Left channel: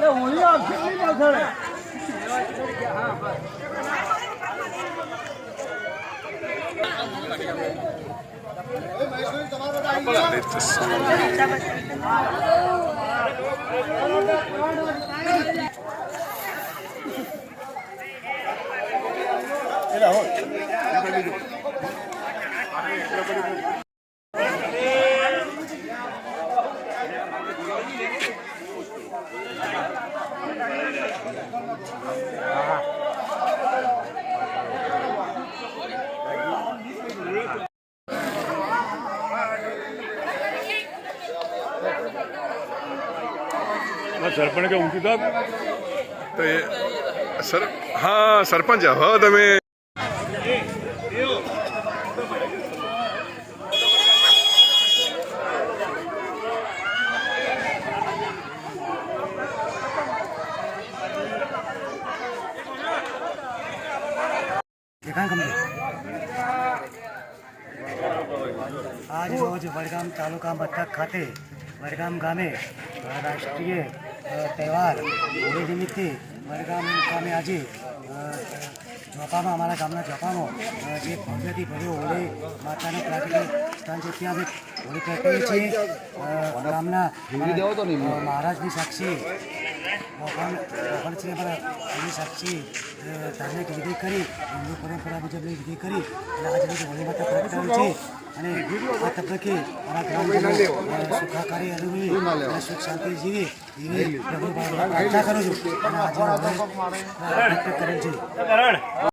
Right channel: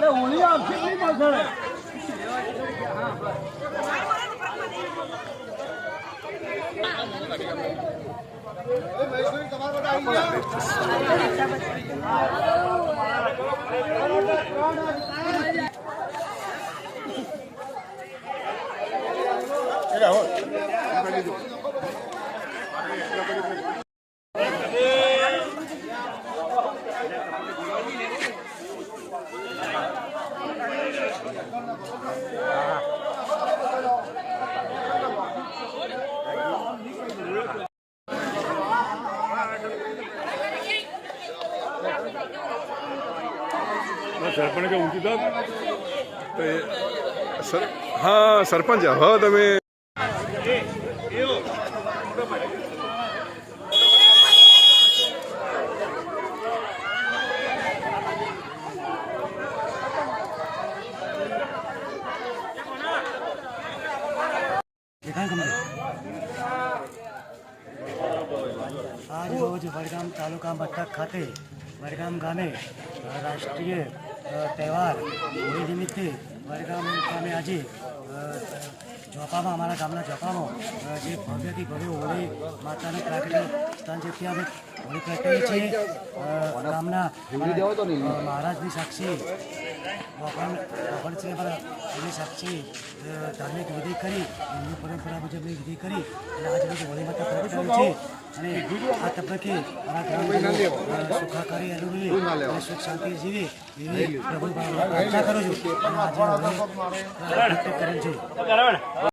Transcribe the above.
那我们要拼命干的。你来会，你来会。સરપંચ ઊંચું તો હા સરપંચ હવે તમે આજ રોજ વડગામ તાલુકા મથક ખાતે વડગામ ગામે રાષ્ટ્રીય તહેવાર હોળી નિમિત્તે વડગામ ગામે આજે અ, ચોપામાં અમારા ગામના ચોપામાં જે ભવ્યથી ભવ્ય હોળી માતાનું પ્રાકૃતિક સ્થાન છે ત્યાં અમે હોળી પ્રગટીએ છીએ. ગામના મહારાજની સાક્ષી ભગવાનશ્રી અમારા એની સાક્ષી ધાર્મિક વિધિ કરી, હિન્દુ પરંપરા મુજબની વિધિ કરી, અને આજ રોજ હોળી માતા પ્રગટાવી છે. અને આ તબક્કે મારા ગ્રામજનો સુખાકારી અનુભવી અને સુખ શાંતિ જીવે એવી પ્રભુ પ્રાર્થના કરું છું. અને આજે કરેલ છે.